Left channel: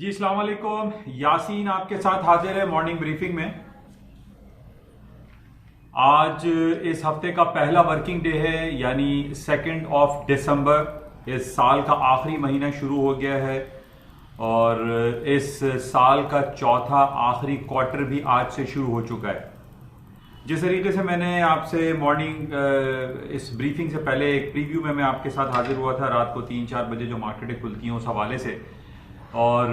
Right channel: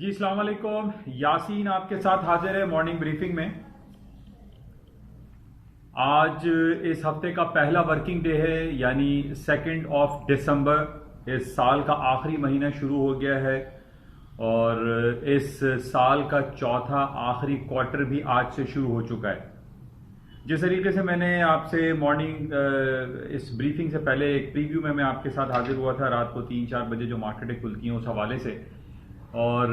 जी अस्सलाम वालेकुम। यासीन आपके साथ हाजिर है मॉर्निंग ब्रीफिंग में। आज इस हफ्ते का पहला वर्किंग डे है, यानी 2 दिसंबर। इस साल का आखिरी महीना शुरू हो गया है और इस साल का चौथा आखिरी क्वार्टर भी आज से शुरू हो चुका है। जिस तरीके से मैंने आपसे मॉर्निंग इस ब्रीफिंग से पहले एक प्रीव्यू में मैं आपके साथ हाजिर हुआ था रात को 3-4 बजे जो मार्केटें खुलती हैं उस हवाले से, और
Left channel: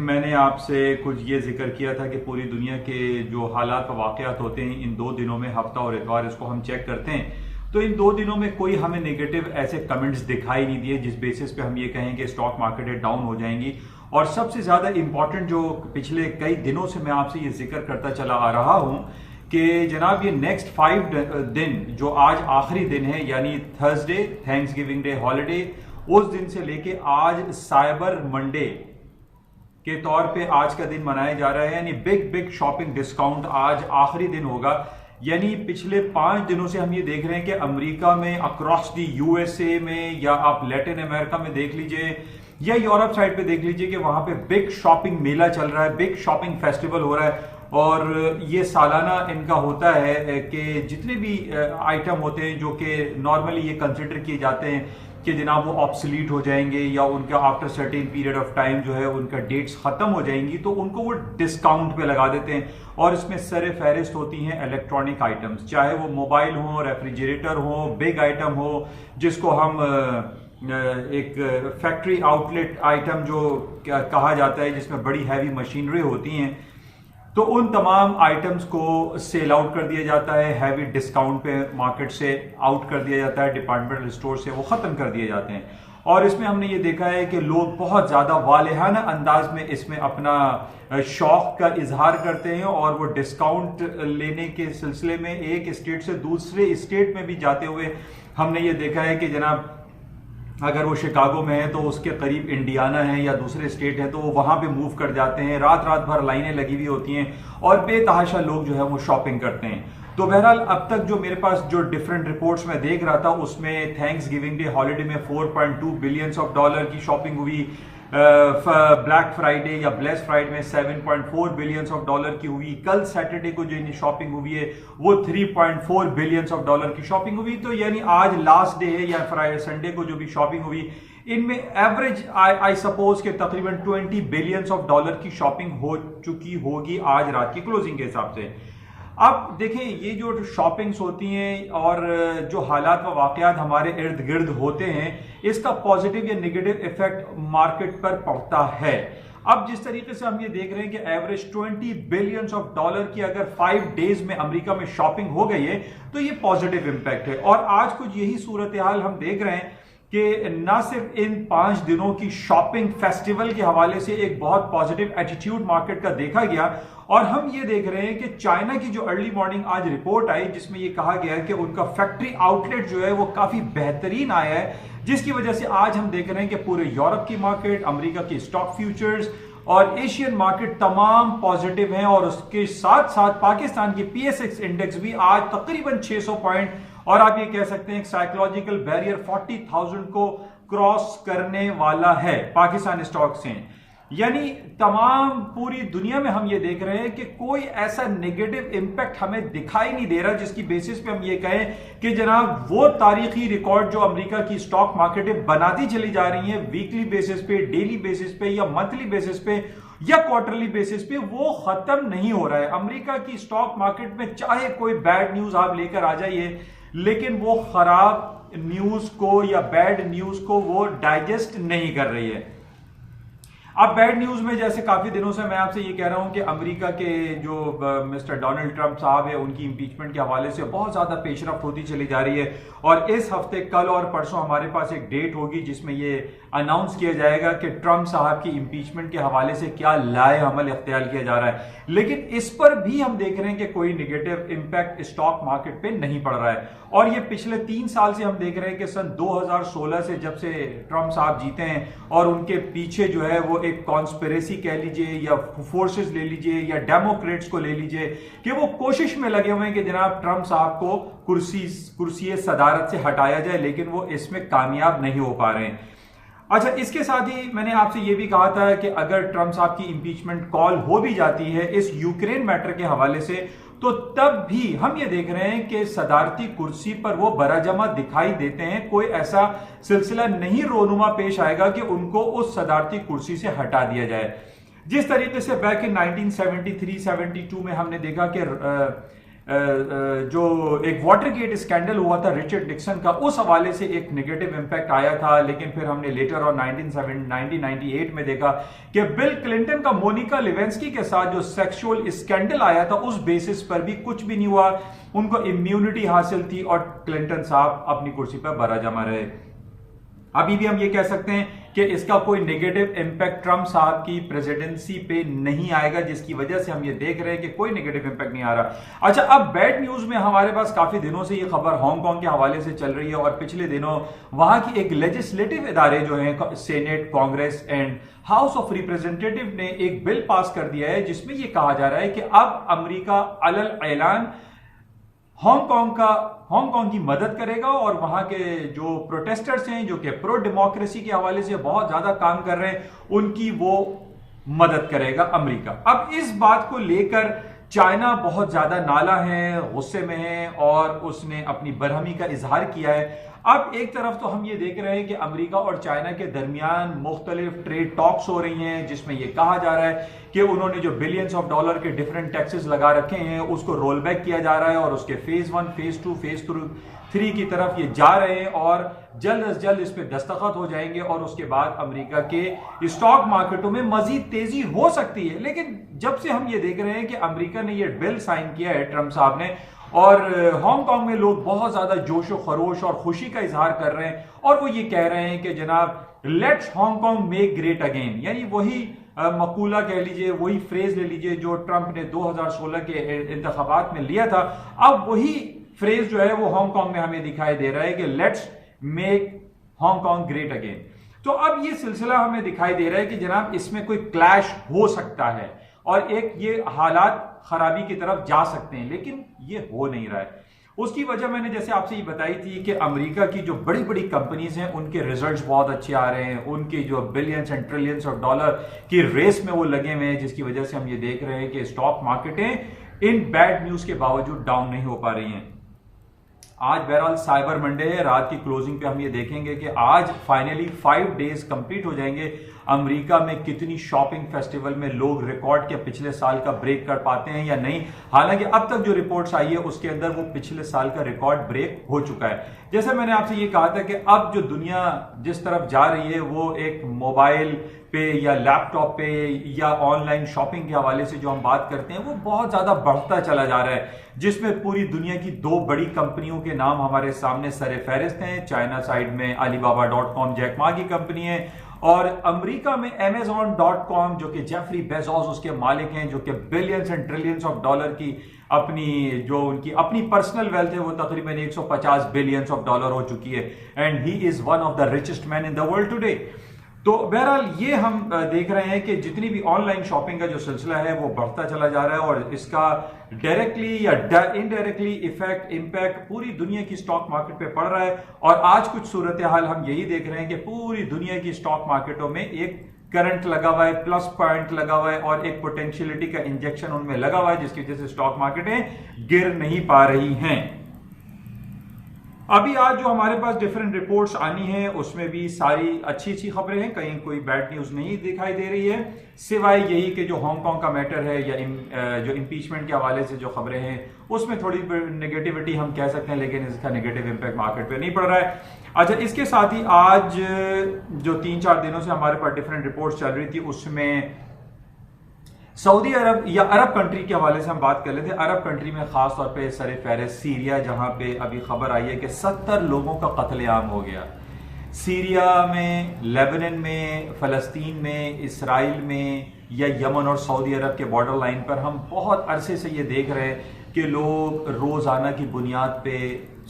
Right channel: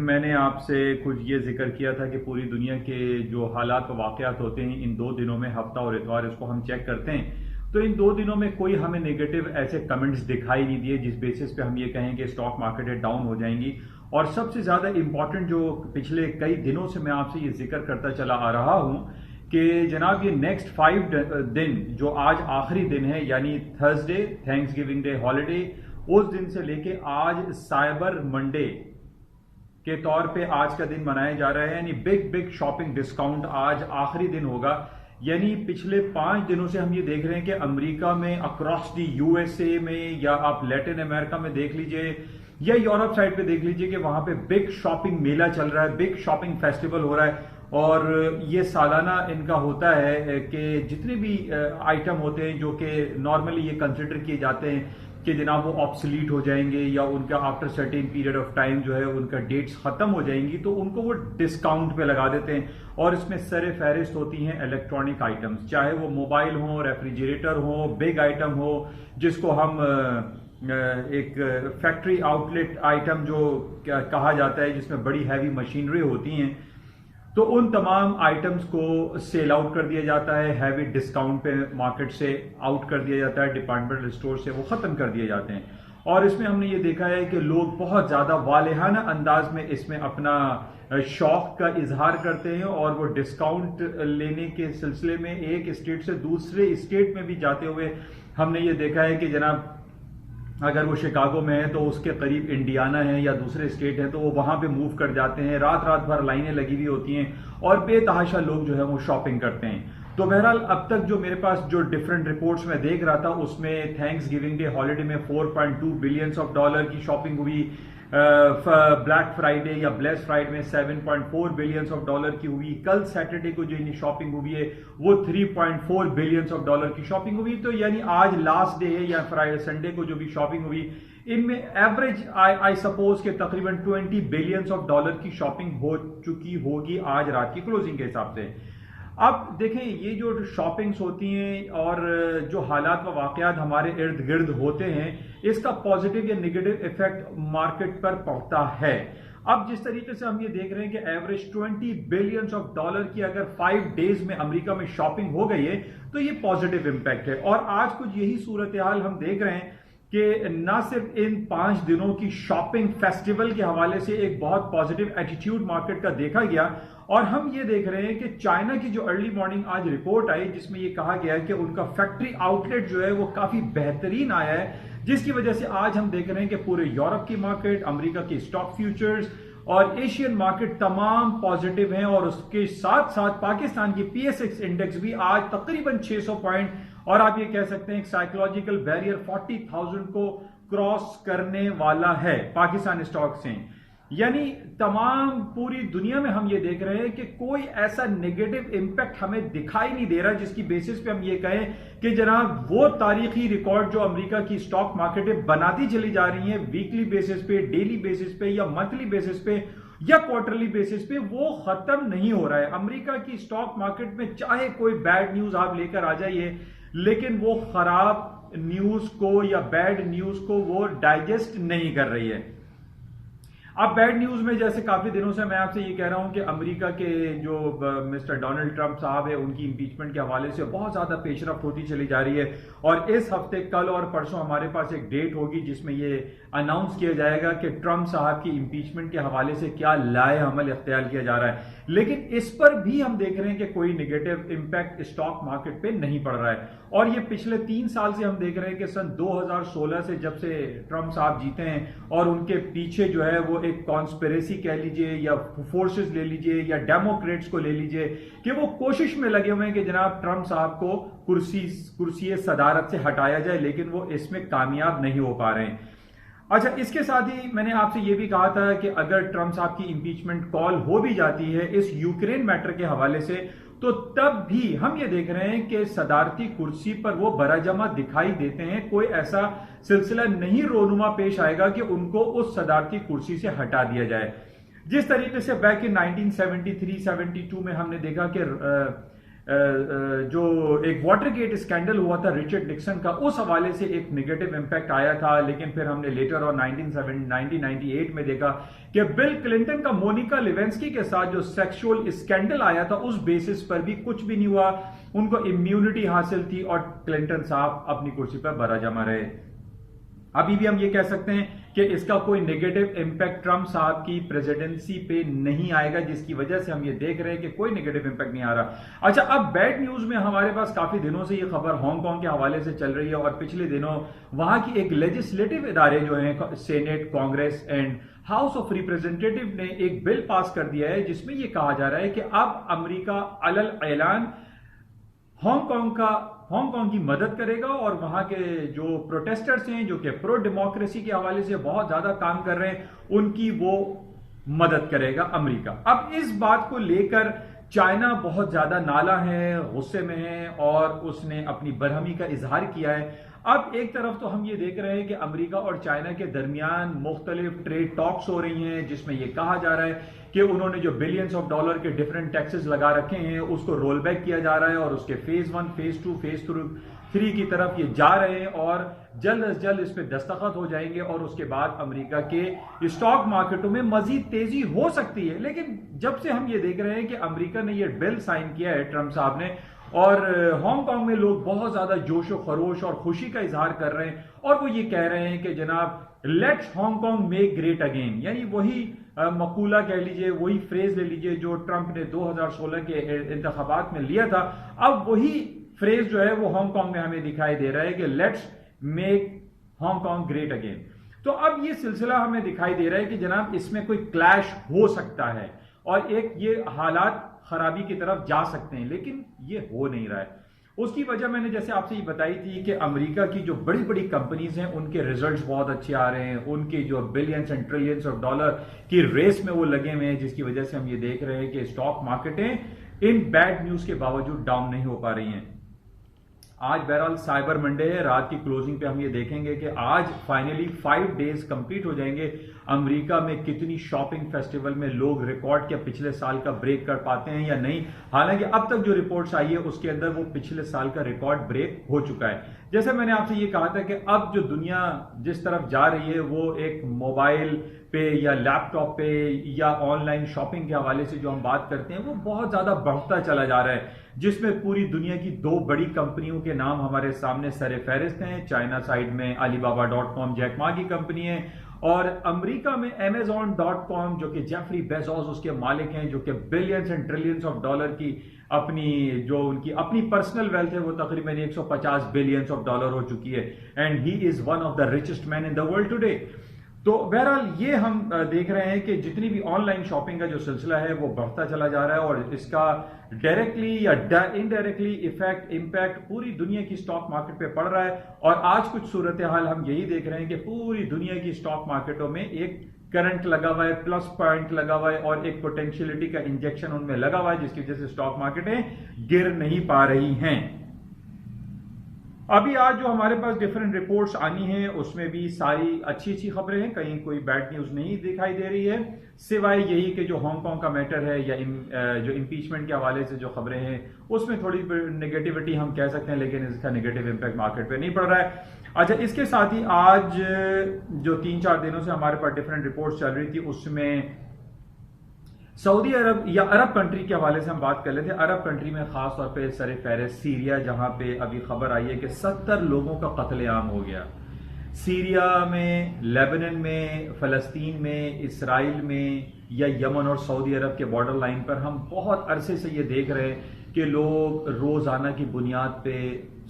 मैंने आपसे कुछ ये जिक्र किया था कि पूरी दुनिया के जो हालात व वाक़यात होते हैं इन 2 दिनों में, हफ्ता और इतवार, इसको हम चेक करते हैं तो इन 2 दिनों में कोई हमें नेगेटिव ऐसे कमेंट्स दिखाई नहीं दिए जिस बेसिस पे हम ये कहें कि स्टॉक मार्केटें डाउन हो जाएंगी। और सबसे ज़्यादा इंपॉर्टेंट जो पिछले कई दिनों से मैं आपसे ये जिक्र करता चला आ रहा हूँ कि जनाब ये नेक्स्ट 5 दिन जो आज आखिरी दिन है, यानी Thursday, thanks giving day holiday, उस दिन से लेके आज साइबर मंडे के तौर पे आज का दिन मनाया जा रहा है। यानी बिग शॉपिंग डिस्काउंट आज आखिरी दिन होगा। यानी पिछले 5 दिनों से हम ये देख रहे हैं कि अमेरिका में, अक्रॉस दी यूएसए में, या आप लैटिन अमेरिका में देख लीजिए या यूरोप साइड पे देख लीजिए कि वहां पे बिग शॉपिंग मेला चल रहा है, बिग शॉपिंग फेस्टिवल हो रहा है। और ये सालाना इनका होता है कि जितने भी आइटम होते हैं जो कि नॉर्मली ये कंसिडर किए जाते हैं कि जनाब वो ऑब्सलीट हो जाएंगे या उनका after certain period of time जो है उनका डेट्स खत्म हो जाएंगी, तो उनको वो डिस्काउंट पे लगा देते हैं। और इसमें सर फहरिस्त होती हैं इलेक्ट्रॉनिक आइटम्स, चाहे वो मोबाइल हो, रेफ्रिजरेटर हो, बिग आइटम हो, जिसको हम एक फैक्ट्री आउटलेट आइटम जो कहा जाता है, जिसमें बड़ी हैवी मशीनरी होती हैं, तो उन तमाम आइटम्स को सेल आउट कर दिया जाता है, हैवी डिस्काउंट पे मार्केट से आउट कर दिया जाता है, डिपार्टमेंटल स्टोर से वो ख़त्म कर दिए जाते हैं। और इसमें हमने ये देखा है कि लोग बहुत ज़्यादा वालेहाना अंदाज में इसमें अपना शौक का इजहार करते हैं और वो डिस्काउंट लेने के सिलसिले में एक स्टेट से दूसरे स्टेट में भी जाते हुए हमने ये देखा है कि जनाब अगर वो शिकागो में है तो उसके करीब इंडियाना है या दूसरे स्टेट है तो वो वहां पे मूव कर जाते हैं। रात भर लाइनें लगी हुई होती हैं और बेतहाशा लोग जो है वो शॉपिंग करते हैं। तो बहरहाल अब तक जो मेरे पास जो डिफरेंट रिपोर्ट्स में देख रहा था उसमें थैंक्स गिविंग डे हॉलीडे में $4.2 बिलियन की शॉपिंग हुई, ब्लैक फ्राइडे या ब्लेस फ्राइडे में $7.4 बिलियन की हुई, कल सैटरडे को जो शॉपिंग हुई है वो $3.4 बिलियन की शॉपिंग हुई। तो यानी आज लास्ट डे है या फ्राइडे संडे को जो भी शॉपिंग हुई, इनमें एवरेज आई सपोज के तकरीबन $20 बिलियन की शॉपिंग हो चुकी होगी आज रात की क्लोजिंग के हिसाब से। अब देखें, ये जो शॉपिंग्स होती हैं और जो हालात व वाक़यात हमारे इर्द गिर्द होते हैं, इसका पॉजिटिव या नेगेटिव इफेक्ट मार्केट पर पड़ता है। अब जिस तरीके से हम ये देख रहे हैं कि एवरेज $20 बिलियन की अगर 5 डेज में अमेरिका में शॉपिंग हो गई है तो ये पॉजिटिव इंपैक्ट है। और आज कुछ यही सूरत हाल हम देख रहे हैं कि न सिर्फ इन 5 दिनों की शॉपिंग फेस्टिवल के हवाले से एक बहुत पॉजिटिव एटीट्यूड मार्केट का देखा गया, और हम ये देख रहे हैं कि चाइना की जो अर्ली मॉर्निंग आज रिपोर्ट आई जिसमें ये कहा गया है कि उनका फैक्ट्री आउटलेट जो है वो काफी बेहतरीन आया है, जिसकी वजह से आज हम देख रहे हैं कि पूरे यूरोप की मार्केट, अमेरिका की स्टॉक फ्यूचर्स और एशियन मार्केट तमाम पॉजिटिव हैं। और उसके साथ साथ पाकिस्तान की PSX इंडेक्स भी आज तकरीबन 600 पॉइंट, और आप ये कह सकते हैं साइकोलॉजिकल बैरियर 40,000 को क्रॉस करने वाला है पाकिस्तान स्टॉक से। यानी तमाम पूरी दुनिया में हम ये देख रहे हैं कि कोई ऐसा नेगेटिव इंपैक्ट हमें दिखाई नहीं दे रहा जिसकी बेसिस पे हम ये कहें कि जनाब वो तारीखी रिकॉर्ड जो अमेरिका की स्टॉक मार्केटें बनाती चली जा रही हैं वीकली बेसिस पे, डेली बेसिस पे या मंथली बेसिस पे या क्वार्टरली बेसिस पे, वो खत्म नहीं हो रहा है। अमेरिका की स्टॉक मार्केट में चाहे कोई बैड न्यूज आप लेकर आ जाइए, लेकिन वो खराब न्यूज को या बैड न्यूज को वो डाइजेस्ट नहीं कर रही है। अब बैड न्यूज में जैसे काफी दिनों से मैं आपसे ये कह रहा हूं कि अमेरिका के जो मिस्टर डोनाल्ड ट्रंप साहब है उनकी इंपीचमेंट के हवाले से बहुत ज्यादा पेशरफ्त होती चली जा रही है, और इस हफ्ते कल और परसों हमारे पास एक डेट होगी जिसमें ये अनाउंस किया जाएगा कि ट्रंप साहब की इंपीचमेंट के हवाले से क्या लाए अमल इख्तियार किया जा रहा है। लेकिन इस पर भी हम देख रहे हैं कि कोई नेगेटिव इंपैक्ट स्टॉक मार्केट पे नहीं पड़ रहा है। और ये पिछले 3 साल से हम देख रहे हैं कि सन 2016 से जब से ट्रंप साहब जीते हैं और उनके पीछे जो है वो एक कॉन्स्पिरेसी कह लीजिए या फोर्सेस ले लीजिए या डेमोक्रेट्स को ले लीजिए कि वो कोशिश में लगे हुए हैं कि जनाब ट्रंप साहब को कुर्सी सदारत से हटाया जाए, लेकिन वो इसमें कामयाब नहीं हो पा रहे हैं। अच्छा, इसके साथ ही मैंने आपसे ये भी कहा था कि अगर ट्रंप साहब की इंपीचमेंट कॉल हो भी जाती है इस यूक्रेन मैटर के हवाले से, तो तब भी हम ये देख रहे हैं कि सदारती कुर्सी पर वो बराजमा दिखाई देते हैं। कोई ऐसा सिलसिला नहीं रोनुमा पेश आएगा कि उनको उस सदारती कुर्सी से हटा दिया जाए। जिस तरीके से बैक इन 1973-72 में हमने देखा कि जो एक वाटरगेट स्कैंडल हुआ था रिचर्ड निक्सन का, उस हवाले से एक नेगेटिव इंपैक्ट आया था, लेकिन फिर हमने लेटर और 1998 में देखा कि बिल क्लिंटन का मोनिका लेविंस्की के साथ जो सेक्सुअल स्कैंडल आया था उस बेसिस पर भी कुछ भी नहीं हुआ, उनको इम्यूनिटी हासिल थी और क्लिंटन साहब अपनी कुर्सी पर बराजमा रहे। अभी भी हम ये कह सकते हैं कि इसका कोई नेगेटिव इंपैक्ट ट्रंप साहब की प्रेसिडेंसी पे नहीं आएगा, जिसकी वजह से हम ये देख रहे हैं कि कोई नेगेटिव इंपैक्ट नहीं आ रहा। अच्छा, अब बैड न्यूज में हमारे पास काफी दिनों से ये खबर हांगकांग के हवाले से चल रही है और पिछले दिनों वहां की एक लेजिस्लेटिव इदारे जो हैं senate, Congress and house of representative ने एक बिल पास कर दिया है जिसमें यह कहा जा रहा है कि अब अमेरिका अलल ऐलान हांगकांग की मदद करेगा और वहां के जो प्रोटेस्टर्स हैं जो कि प्रो डेमोक्रेसी के हवाले से बहुत ज्यादा काम कर रहे हैं उनकी वो मदद करेगा अमेरिका। अब इस बात को लेकर चाइना बहुत ज्यादा नाला है, गुस्से में है और उसने अपनी बरहमी का इजहार किया है। अब एक तरफ तो हम ये देख रहे हैं कि अमेरिका और चाइना के दरमियान मुख्तलिफ ट्रेड टॉक्स हो रही हैं जिसमें यह कहा जा रहा है कि उन्होंने जो बिलियंस ऑफ डॉलर के डिफरेंट टैक्सेस लगा रखे हैं उसको रोल बैक किया जा रहा है और उसके फेज 1, फेज 2, फेज 3 की तरफ ये जा रहे हैं और जल्द अज जल्द इस पे दस्तखत हो जाएंगे और उसके बाद अमेरिका के स्टॉक मार्केटों में मजीद तेजी हो सकती है। लेकिन जब से हम ये देख रहे हैं कि अमेरिका ने ये बिल साइन किया है ट्रंप साहब ने और हांगकांग में लोग बहुत ज्यादा जोशो खरोश और खुशी का इजहार कर रहे हैं और वो ये कह रहे हैं कि जनाब let's Hong Kong make great again, यानी वही मकूला कह लीजिए, वही फ्रेज ले लीजिए जो ट्रंप ने 2016 के इंतखाबात में लिया था। अब वही फ्रेज जो है वो हांगकांग में हमें दिखाई दे रहा है कि let's make Hong Kong great again. तो अब ये सिलसिला हमें दिखाई दे रहा है कि जनाब इसमें कोई क्लैश हो सकता है और एक ये हालात खराबी की तरफ जा सकते हैं, लेकिन ये हो नहीं रहा है। उसकी वजह मैंने जैसे आपसे ये बताई थी कि अमेरिका की जो बड़ी बड़ी कंपनीज हैं उनके रिजल्ट्स बहुत अच्छे आ रहे हैं, उनके जो billions and trillions of dollar की रेस में वो लगे हुए हैं, जिसकी वजह से हम ये देख रहे हैं कि स्टॉक मार्केटें इन बैड न्यूज के बावजूद डाउन नहीं हो पा रही हैं। आज बहरहाल साइबर मंडे है, रात की क्लोजिंग पे हम ये देखेंगे कि आज फाइनली 5 डेज कंप्लीट हो जाएंगे। अमेरिका में कितनी शॉपिंग फेस्टिवल में लोग रिकॉर्ड के पिछले साल का ब्रेक कर पाते हैं या नहीं। हालांकि अब तक जो रिपोर्ट्स आई है उसके अंदर वो पिछले साल का रिकॉर्ड ब्रेक हो चुका है। जैसे मैंने आपसे ये कहा था कि अब जो दुनिया जिस तरफ जा रही है वो एक मोबाइल पे या लैपटॉप पे या ऑनलाइन शॉपिंग के हवाले से जो हम बात करते हैं वो बहुत ज्यादा बढ़ता चला जा रहा है, जिसमें पूरी दुनिया की 2 बड़ी कंपनियों के नाम हमारे सामने सरे फहरिस्त हैं। चाइना साइड में Alibaba.com जैक मा की कंपनी है और अमेरिका में Amazon.com जो कि जेफरी बेजोस उसके मालिक हैं, जो कि billions and trillions of dollar की उनकी अपनी पर्सनल वेल्थ है वो तकरीबन 150 बिलियंस ऑफ डॉलर हो चुकी है and he is one of the richest man in the world today. तो बहरहाल ये हम देख रहे हैं कि जितनी भी ऑनलाइन शॉपिंग का जो सिलसिला है वो बढ़ता चला जा रहा है और इसका डायरेक्टली या इनडायरेक्टली इम्पैक्ट पूरी दुनिया की स्टॉक मार्केट पे पड़ रहा है। और आज कुछ सूरत हाल हम यही देख रहे हैं कि पूरी दुनिया की स्टॉक मार्केटों में एक करंट लगा हुआ है, प्लस पॉइंट लगा हुआ है और एक पोटेंशियलिटी का इंजेक्शन उनमें लगा हुआ है, जिसकी वजह से स्टॉक मार्केटें गिर नहीं पा रही हैं। अभी आज जो हमारे पास डिफरेंट रिपोर्ट्स आनी है उसमें भी सारी अच्छी अच्छी खबरें हैं, कहीं कोई बैड न्यूज नहीं दिखाई दे रही है, सिवाय यही कि जो हांगकांग का मैटर है या जो इम्पीचमेंट के हवाले से जो खबरें हैं उसमें थोड़ी नेगेटिविटी हम कह सकते हैं, लेकिन इसका नेगेटिव इंपैक्ट मार्केट पे नहीं पड़ रहा है। अच्छा, इसके साथ ही आज जो 3-4 दिनों से हमारे पास डिफरेंट रिपोर्ट्स चल रही थी उसमें सऊदी अरब या अरब कंट्री के हवाले से हम बात कर लेते हैं। अरब कंट्री में खास तौर पे सर फहरिस्त सीरिया, जहां पे अभी खबर आई है कि 70 लोगों का कत्लेआम हो गया। सीरिया में, लेबनान में, फलस्तीन में, इसराइल में या यमन और सऊदी अरब के बॉर्डर लाइन पर हम बहुत अरसे से ये देख रहे हैं कि लोग रोजाना की बुनियाद पे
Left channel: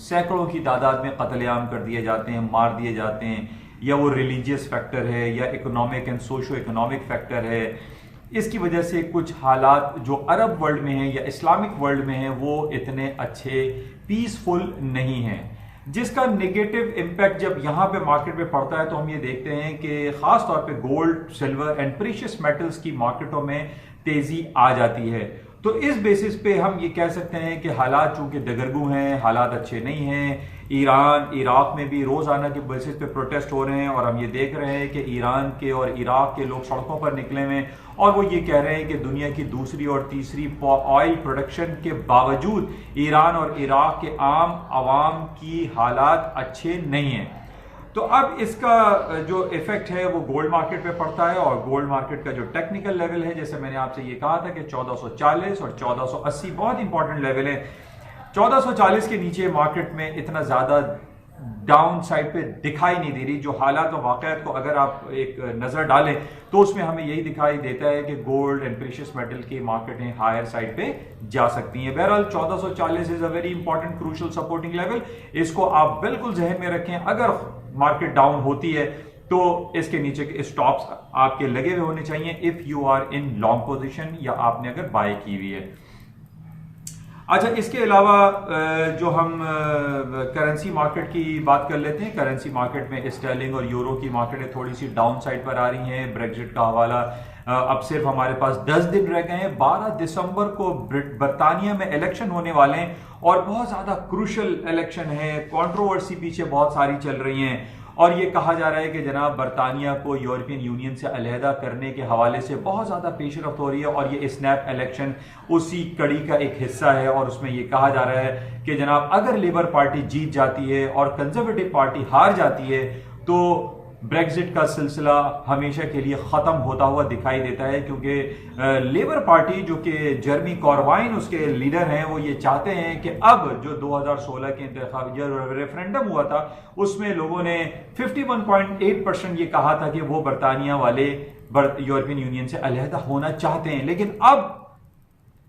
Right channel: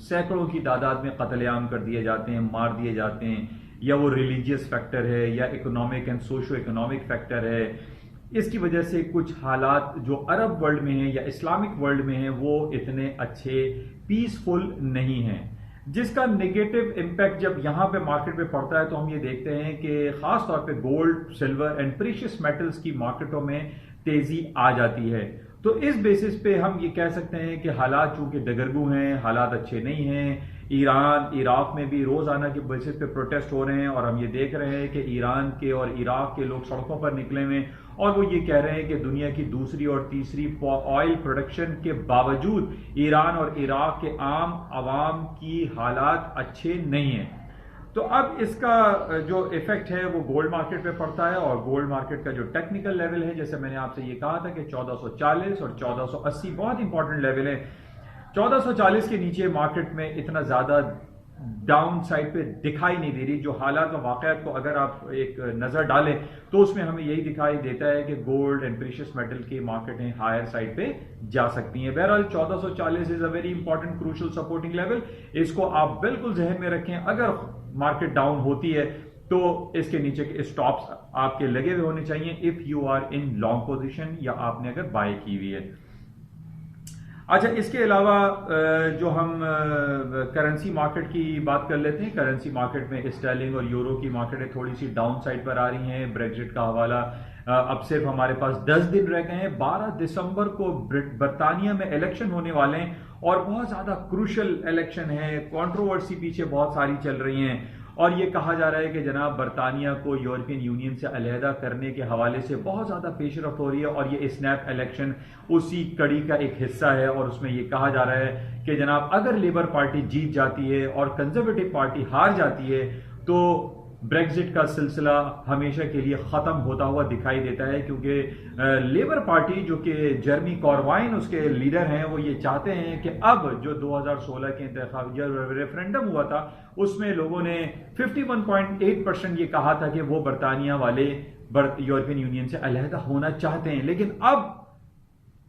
सैकड़ों की तादाद में कत्लेआम कर दिए जाते हैं, मार दिए जाते हैं, या वो रिलीजियस फैक्टर है या economic and socio economic factor है। इसकी वजह से कुछ हालात जो अरब वर्ल्ड में हैं या इस्लामिक वर्ल्ड में हैं वो इतने अच्छे पीसफुल नहीं हैं। जिसका नेगेटिव इम्पैक्ट जब यहां पे मार्केट पे पड़ता है तो हम ये देखते हैं कि खास तौर पे gold, silver and precious metals की मार्केटों में तेजी आ जाती है। तो इस बेसिस पे हम ये कह सकते हैं कि हालात चूंकि दगरगू हैं, हालात अच्छे नहीं हैं। ईरान, इराक में भी रोजाना के बेसिस पे प्रोटेस्ट हो रहे हैं और हम ये देख रहे हैं कि ईरान के और इराक के लोग सड़कों पर निकले हुए हैं और वो ये कह रहे हैं कि दुनिया की दूसरी और तीसरी ऑयल प्रोडक्शन के बावजूद ईरान और इराक के आम आवाम की हालात अच्छे नहीं हैं। तो अब इसका जो इफेक्ट है वो गोल्ड मार्केट पे पड़ता है और गोल्ड मार्केट का जो टेक्निकल लेवल है, जैसे मैंने आपसे ये कहा था कि 1440 और 1480 बहुत इंपॉर्टेंट लेवल है। 1440 के नीचे मार्केट में इतना ज्यादा डाउन साइड पे दिखाई नहीं दे रही। जो हालात और वाकयात को अगर आप एक नजर डालें तो उसमें हमें यही दिखाई देता है कि गोल्ड एंड प्रीशियस मेटल की मार्केटें हायर साइड पे जा सकती हैं। बहरहाल 1440 is a very important crucial supporting level, इसको आप बिल्कुल जहन में रखें। अगर मार्केट डाउन होती है तो इसके नीचे के स्टॉप्स आपके लगे हुए होने चाहिए if you are in long position या आपने अगर बाय की हुई है। अच्छा, इसके अलावा जो हम करेंसी मार्केट की बात कर लेते हैं। करेंसी मार्केट में स्टर्लिंग और यूरो की मार्केटें थोड़ी सी डाउन साइड पर आ रही हैं। ब्रेग्जिट का हवाला अब सिर्फ हमारे पास 10 दिन रह गए हैं। 12 दिसंबर को बर्तानिया में इलेक्शन होने वाले हैं और बहुत ज्यादा क्रूशल इलेक्शन है। कंट्रोवर्सी पीछे बहुत सारी चल रही हैं और ये कहा जा रहा है कि जनाब बर्तानिया को यूरोपियन यूनियन से अलहदा करने के हवाले से बहुत ज्यादा पेशरफ्त हो रही है और ये स्नैप इलेक्शन उसी कड़ी का एक हिस्सा है। और उसमें ये कहा जा रहा है कि जनाब अगर लेबर पार्टी जीत जाती है और कंजर्वेटिव पार्टी हार जाती है तो ब्रेग्जिट का सिलसिला हमेशा के लिए खत्म होता हुआ दिखाई देता है, क्योंकि लेबर पार्टी जो कि जर्मी कॉर्बाइन उसके लीडर हैं वो ये चाहते हैं कि अब जो 2016 के इंतखाब रेफरेंडम हुआ था उसमें लोगों ने 51.8% ये कहा था कि वो बर्तानिया वाले यूरोपियन यूनियन से अलहदा होना चाहते हैं। लेकिन अब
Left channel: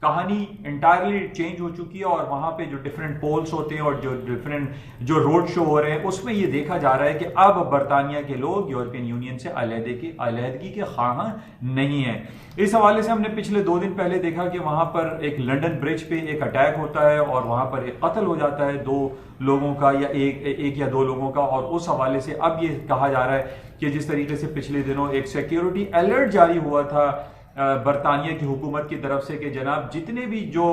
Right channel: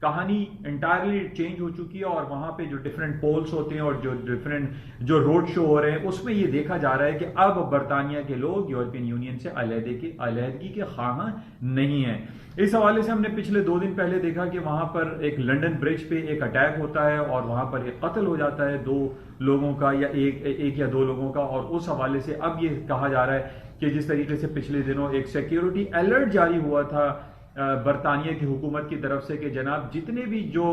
कहानी इंटायरली चेंज हो चुकी है और वहां पे जो डिफरेंट पोल्स होते हैं और जो डिफरेंट जो रोड शो हो रहे हैं उसमें ये देखा जा रहा है कि अब बर्तानिया के लोग यूरोपियन यूनियन से अलहदगी के ख्वाह नहीं है। इस हवाले से हमने पिछले 2 दिन पहले देखा कि वहां पर एक लंदन ब्रिज पे एक अटैक होता है और वहां पर एक कत्ल हो जाता है 2 लोगों का या एक या 2 लोगों का। और उस हवाले से अब ये कहा जा रहा है कि जिस तरीके से पिछले दिनों एक सिक्योरिटी अलर्ट जारी हुआ था बर्तानिया की हुकूमत की तरफ से कि जनाब जितने भी जो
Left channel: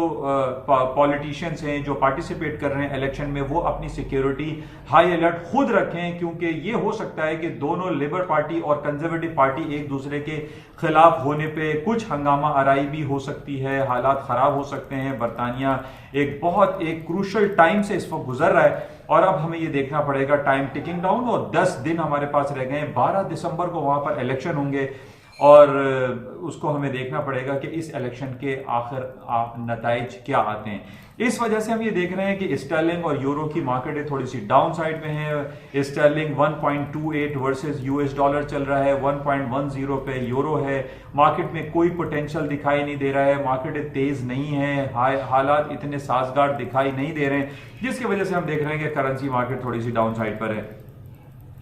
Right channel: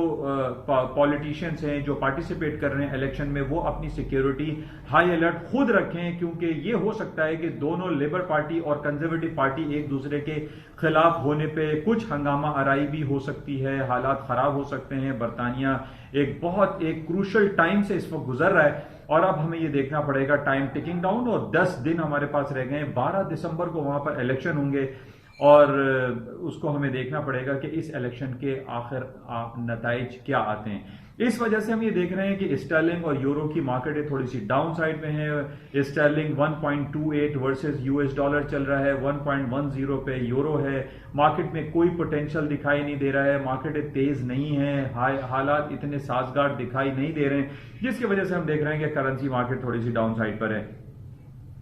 पॉलिटिशियंस हैं जो पार्टिसिपेट कर रहे हैं इलेक्शन में वो अपनी सिक्योरिटी हाई अलर्ट खुद रखें, क्योंकि ये हो सकता है कि दोनों लेबर पार्टी और कंजर्वेटिव पार्टी एक दूसरे के खिलाफ होने पे कुछ हंगामा आराई भी हो सकती है, हालात खराब हो सकते हैं। बर्तानिया एक बहुत एक क्रूशल टाइम से इस वक्त गुजर रहा है और अब हमें ये देखना पड़ेगा, टाइम टिकिंग डाउन और 10 दिन हमारे पास रह गए हैं। 12 दिसंबर को वहां पर इलेक्शन होंगे और उसको हमें देखना पड़ेगा कि इस इलेक्शन के आखिर नताइज क्या आते हैं। इस वजह से हम ये देख रहे हैं कि स्टर्लिंग और यूरो की मार्केटें थोड़ी सी डाउन साइड में है। स्टर्लिंग 1.28 वर्सेस यूएस डॉलर चल रहा है, 1.10 पे यूरो है। मार्केट में कोई पोटेंशियल दिखाई नहीं दे रहा है, मार्केटें तेज नहीं है, हालात इतने साजगार दिखाई नहीं दे रहे हैं, जिसकी वजह से हम देख रहे हैं कि करेंसी मार्केट थोड़ी सी डाउन साइड पर है।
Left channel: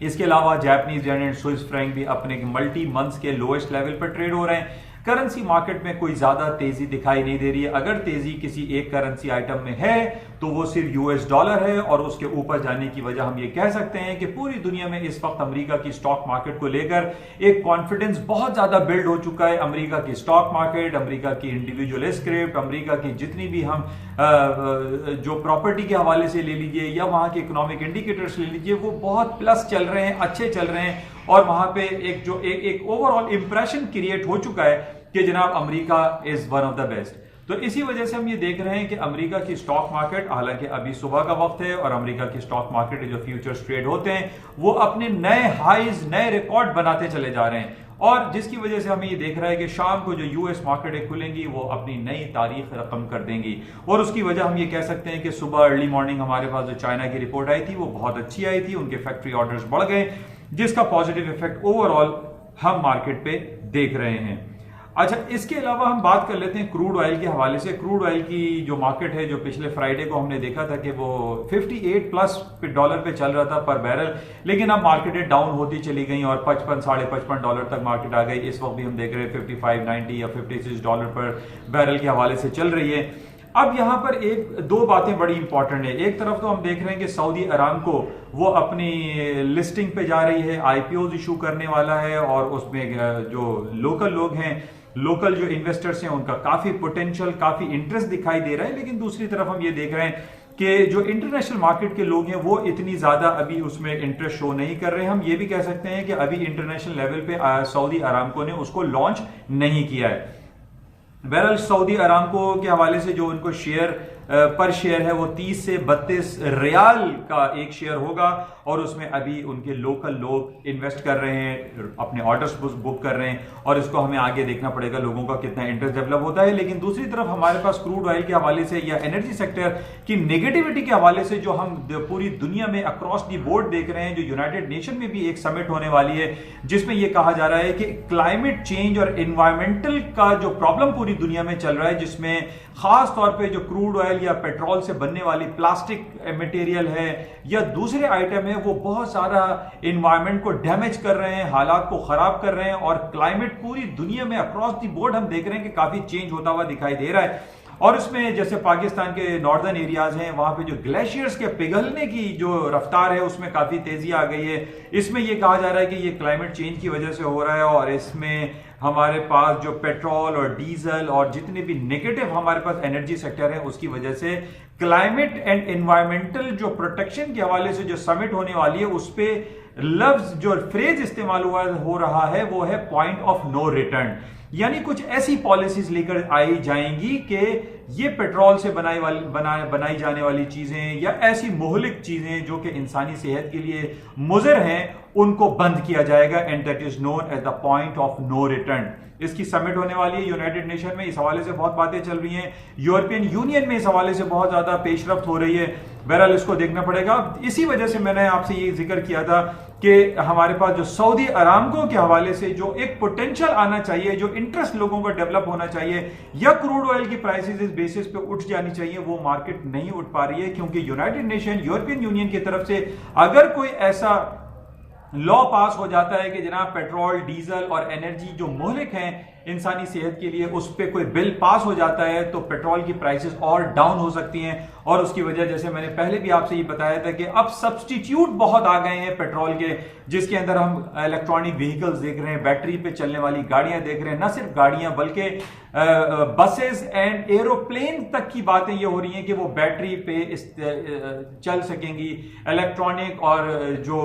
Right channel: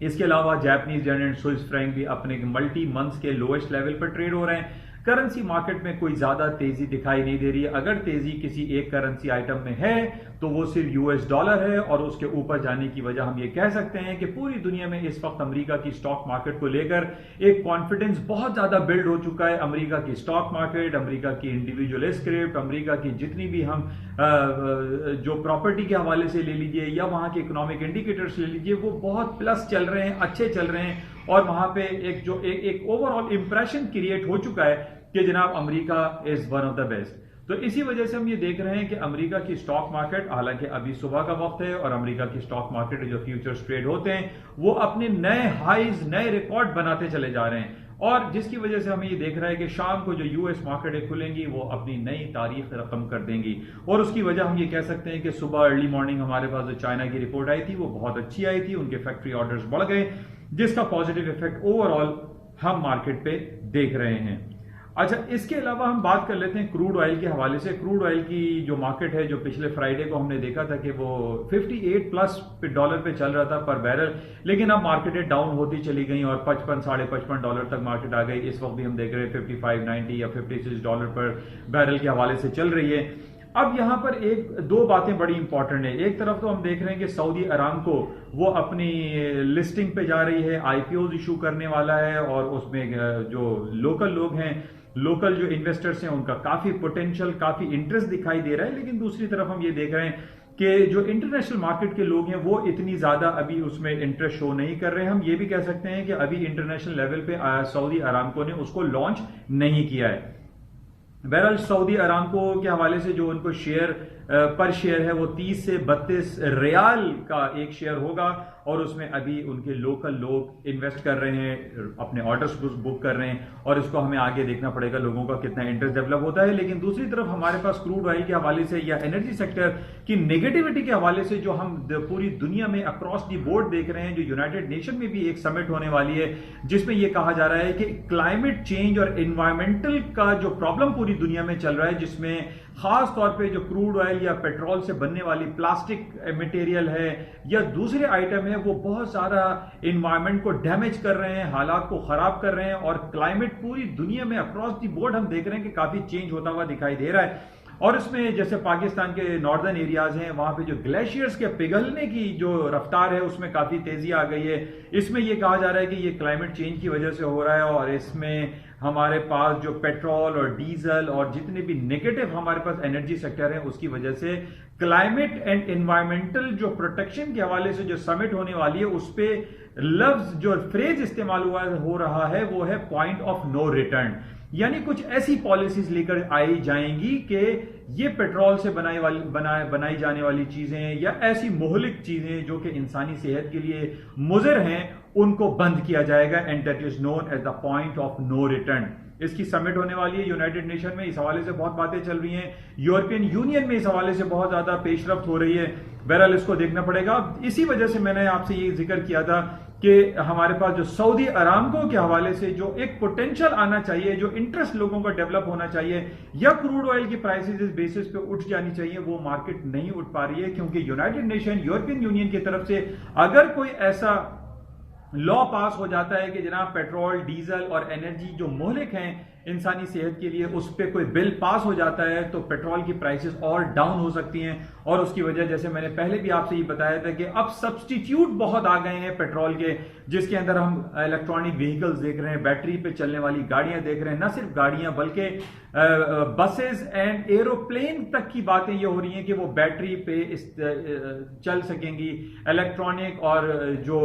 इसके अलावा Japanese yen and Swiss franc भी अपने मल्टी मंथ्स के लोएस्ट लेवल पर ट्रेड हो रहे हैं। करेंसी मार्केट में कोई ज्यादा तेजी दिखाई नहीं दे रही है। अगर तेजी किसी एक करेंसी आइटम में है तो वो सिर्फ यूएस डॉलर है और उसके ऊपर जाने की वजह हम ये कह सकते हैं कि पूरी दुनिया में इस वक्त अमेरिका की स्टॉक मार्केट को लेकर एक कॉन्फिडेंस बहुत ज्यादा बिल्ड हो चुका है। अमेरिका की स्टॉक मार्केट, अमेरिका की इंडिविजुअल स्क्रिप्ट, अमेरिका की जितनी भी हम जो प्रॉपर्टी के हवाले से ले लीजिए या वहां के इकोनॉमिक इंडिकेटर्स ले लीजिए, वो बहुत प्लस चल रहे हैं, अच्छे चल रहे हैं और वहां पे एक ओवरऑल इंप्रेशन क्रिएट हो चुका है कि जनाब America is one of the best. तो इसी वजह से हम ये देख रहे हैं कि अमेरिका की स्टॉक मार्केट, हालांकि अभी सुबह का वक्त है और अमेरिका की स्टॉक मार्केट जो फ्यूचर्स ट्रेड होते हैं वो अपने नए हाईज, नए रिकॉर्ड बनाते चले जा रहे हैं और जिसकी वजह से हमें ये देख रहा है कि शाम को जो यूएस मार्केटें खुलेंगी वो अपनी नई तारीख रकम कर देंगी। और उसकी वजह हम ये कह सकते हैं कि सुबह अर्ली मॉर्निंग हमारे पास जो चाइना की रिपोर्ट आई थी वो बहुत अच्छी आई थी, उनके फैक्ट्री ऑर्डर्स बढ़ गए, जिसका पॉजिटिव इफेक्ट ओवरऑल हम मार्केट पे देख रहे हैं। अच्छा, इसके अलावा हम बात कर लेते हैं क्रूड ऑयल के हवाले से। क्रूड ऑयल की जो मार्केट है, जो पिछले फ्राइडे को हमने देखा था कि वो 58 प्लस डॉलर पे चल रहा था पर बैरल, लेकिन अब मार्केटें डाउन होती चली गई और 55 साढ़े 55 डॉलर तक मार्केट आ गई। इस वक्त भी हम देख रहे हैं 55, 90 या 56 डॉलर पर बैरल के हवाले से चल रही है। अब यहां पर दो बातें बड़ी इंपॉर्टेंट है। एक तरफ तो हम देख रहे हैं कि सऊदी अरामको वो अपनी लिस्टिंग पे जा रही है, आईपीओ इशू करने वाला है, और उसमें जो लोकल लोग हैं, लोकल जो इन्वेस्टर्स हैं, उनका काफी पोटेंशियल, काफी इंटरेस्ट दिखाई दे रहा है। लेकिन दूसरी तरफ हम ये देख रहे हैं कि जो इंटरनेशनल मार्केट के लोग हैं वो इतनी ज्यादा अभी उसमें इंटरेस्ट शो नहीं कर रहे हैं। हम ये भी कह सकते हैं कि अभी इंटरनेशनल लेवल पे सऊदी अरामको ने उसको लॉन्च नहीं किया है। बहरहाल सऊदी अरामको के हवाले से जो उनको शेयर पर शेयर है वो 30 से 32 रियाल का एक शेयर होगा, और उसमें अभी उनके लोकल लोग इन्वेस्ट कर रहे हैं, अपने ऑर्डर्स बुक कर रहे हैं, और इसको हमें आगे देखना पड़ेगा लोगों का कितना इंटरेस्ट डेवलप होता है। लेकिन दूसरी तरफ हमारे पास क्रूड ऑयल के हवाले से या एनर्जी सेक्टर की नेगेटिविटी के हवाले से जो हम पूरी दुनिया में अक्रॉस दी बोर्ड देख रहे हैं, जो यूनाइटेड नेशन में भी एक समिट होने वाली है जिसमें यह कहा जा रहा है कि क्लाइमेट चेंज और एनवायरमेंटल का जो प्रॉब्लम पूरी दुनिया में चल रहा है, जिसमें खास तौर पे जो क्रूड ऑयल या पेट्रोल से बनने वाली प्लास्टिक मटेरियल है या दूसरे आइटम है, वो बहुत सारा एनवायरनमेंट को डैमेज कर रहे हैं, हालात को खराब कर रहे हैं, और क्लाइमेट पूरी दुनिया में अक्रॉस दी बोर्ड हम देख रहे हैं कि काफी चेंज होता हुआ दिखाई दे रहा है। और इसमें जैसे पाकिस्तान के नॉर्दर्न एरियाज हैं, वहां पे जो ग्लेशियर्स के पिघलने की जो रफ्तार है उसमें काफी तेजी आ गई है। इसमें यह कहा जा रहा है कि ये क्लाइमेट चेंज की वजह से हो रहा है, और इसमें हमारे पास जो पेट्रोल और डीजल और जितने भी नेगेटिव हमारे पास एनर्जी सेक्टर है उसकी वजह से क्लाइमेट एंड एनवायरमेंटल जो प्रोटेक्शन के हवाले से जो समिट होने वाली है उस पर लफ्ज जो फ्रेज इस्तेमाल हो रहा है वो है पॉइंट ऑफ नो रिटर्न। यानी कुछ ऐसी पॉलिसीज लेकर आई जाएंगी कि ये पेट्रोल से बनाई जाने वाली चीजें या ऐसी मुहलिक चीजें जो कि इंसानी सेहत के लिए मुज़र हैं उनको बंद किया जाएगा, and that is known as the point of no return. इसकी समिट होने वाली है यूनाइटेड नेशन में, इस हवाले से बहुत बातें चल रही हैं, यूरोपियन यूनियन में इस हवाले से बहुत ज्यादा पेशरफ्त हो रही है। बहरहाल इसको देखना पड़ेगा। इसी वजह से मैंने आपसे ये जिक्र किया था कि हमारे पास जो सऊदी अरामको के हवाले से जो एक पोटेंशियल आना चाहिए, जो इंटरेस्ट लोगों का डेवलप होना चाहिए, या क्रूड ऑयल की प्राइसेस इस बेसिस पे उठ जानी चाहिए, वो मार्केट नहीं उठ पा रही है, क्योंकि यूनाइटेड नेशन, यूरोपियन यूनियन की तरफ से अगर कोई ऐसा लॉ पास हो जाता है कि जनाब पेट्रोल, डीजल और एनर्जी जो मुहलिक हैं इंसानी सेहत के लिए, उस पर कोई बिल पास हो जाता है तो पेट्रोल की प्राइसेस और डाउन हो सकती हैं। और उसकी वजह, जैसे मैंने पहले भी आपसे ये बताया था कि अब सब्स्टिट्यूट बहुत आ गए हैं पेट्रोल के, जिसके अंदर हम इलेक्ट्रॉनिक व्हीकल्स देख रहे हैं, बैटरी पे चलने वाली गाड़ियां देख रहे हैं, न सिर्फ गाड़ियां बल्कि बसेस एंड एरोप्लेन तक की बातें ये हो रही हैं कि वो बैटरी पे चल सकेंगी। इलेक्ट्रॉनिक और जो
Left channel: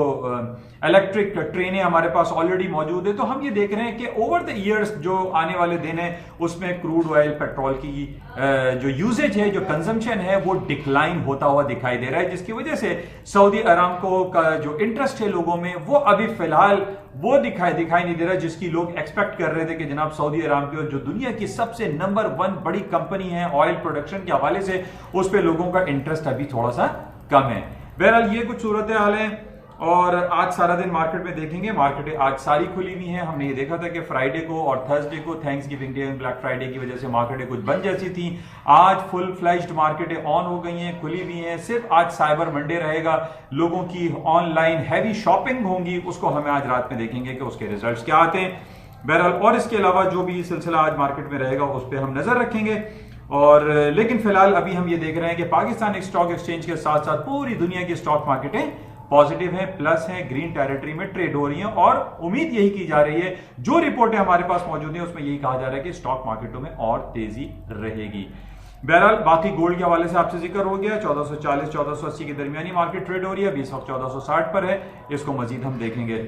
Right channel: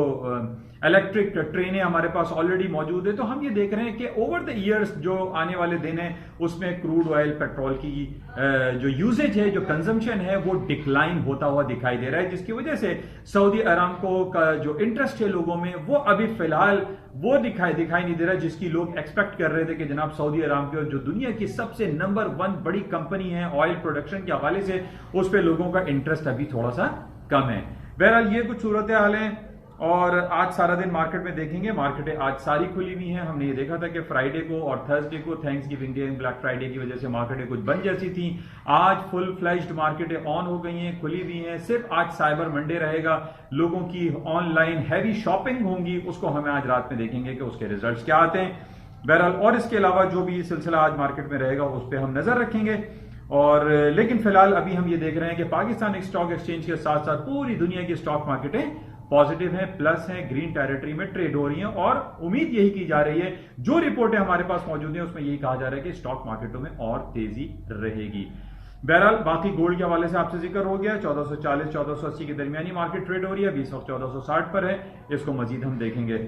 इलेक्ट्रिक ट्रेनें हमारे पास ऑलरेडी मौजूद है। तो हम ये देख रहे हैं कि ओवर द ईयर्स जो आने वाले दिन है उसमें क्रूड ऑयल, पेट्रोल की जो यूजेज है, जो कंजम्पशन है, वो डिक्लाइन होता हुआ दिखाई दे रहा है, जिसकी वजह से सऊदी अरामको का जो इंटरेस्ट है लोगों में वो अभी फिलहाल वो दिखाई नहीं दे रहा जिसकी लोग एक्सपेक्ट कर रहे थे कि जनाब सऊदी अरामको जो दुनिया की सबसे नंबर 1 बड़ी कंपनी है ऑयल प्रोडक्शन के हवाले से, उस पर लोगों का इंटरेस्ट अभी थोड़ा सा कम है। बहरहाल ये कुछ सूरत हाल है। और आज सारा दिन मार्केट में देखेंगे, मार्केटें आज सारी खुली हुई हैं। हमने ये देखा था कि फ्राइडे को और थर्सडे को thanks giving day and black Friday की वजह से मार्केटें कुछ बंद जैसी थी। आज फुल फ्लैश्ड मार्केटें ऑन हो गई हैं, खुली हुई हैं। सिर्फ आज साइबर मंडे रहेगा, लोगों की ऑनलाइन हैवी शॉपिंग होंगी, उसको हमें आज रात में देखेंगे कि उसके रिजल्ट्स क्या आते हैं। बहरहाल और इसके अलावा जो भी सिलसिला आज मार्केट में रहेगा उस पर हम नजर रखेंगे। और लेकिन फिलहाल अभी हम ये देख रहे हैं कि पाकिस्तान स्टॉक एक्सचेंज के साथ साथ पूरी दुनिया की स्टॉक मार्केटें पॉजिटिव है, प्लस है, ग्रीन टेरिटरी में ट्रेड हो रही हैं। और उम्मीद यही की जा रही है, जो रिपोर्टें हमारे पास मौजूद हैं उसमें यही कहा जा रहा है कि स्टॉक मार्केटों में और तेजी रहेगी। बहरहाल बाकी गोल्ड के हवाले से आपसे जिक्र हो गया, 1440-1480 के दरमियानी मार्केट ट्रेड हो रही है, अभी इस वक्त 1460 पर है। इसको मजीद हम देखेंगे।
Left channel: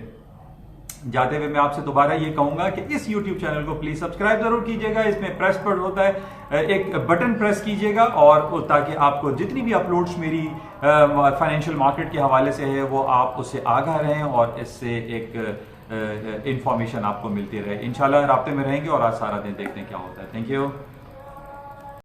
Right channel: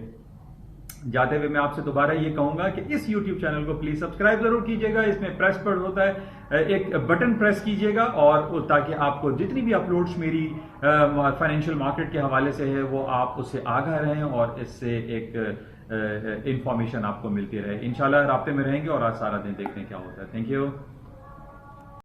जाते हुए मैं आपसे दोबारा ये कहूंगा कि इस YouTube चैनल को प्लीज सब्सक्राइब जरूर कीजिएगा। इसमें प्रेस पर होता है, एक बटन प्रेस कीजिएगा, और ताकि आपको जितनी भी अपलोड्स मेरी फाइनेंशियल मार्केट के हवाले से है वो आप उससे आगाह रहें और इससे एक इंफॉर्मेशन आपको मिलती रहे। इंशाल्लाह राब्ते में रहेंगे और आज सारा दिन देखते हैं क्या होता है। Thank you.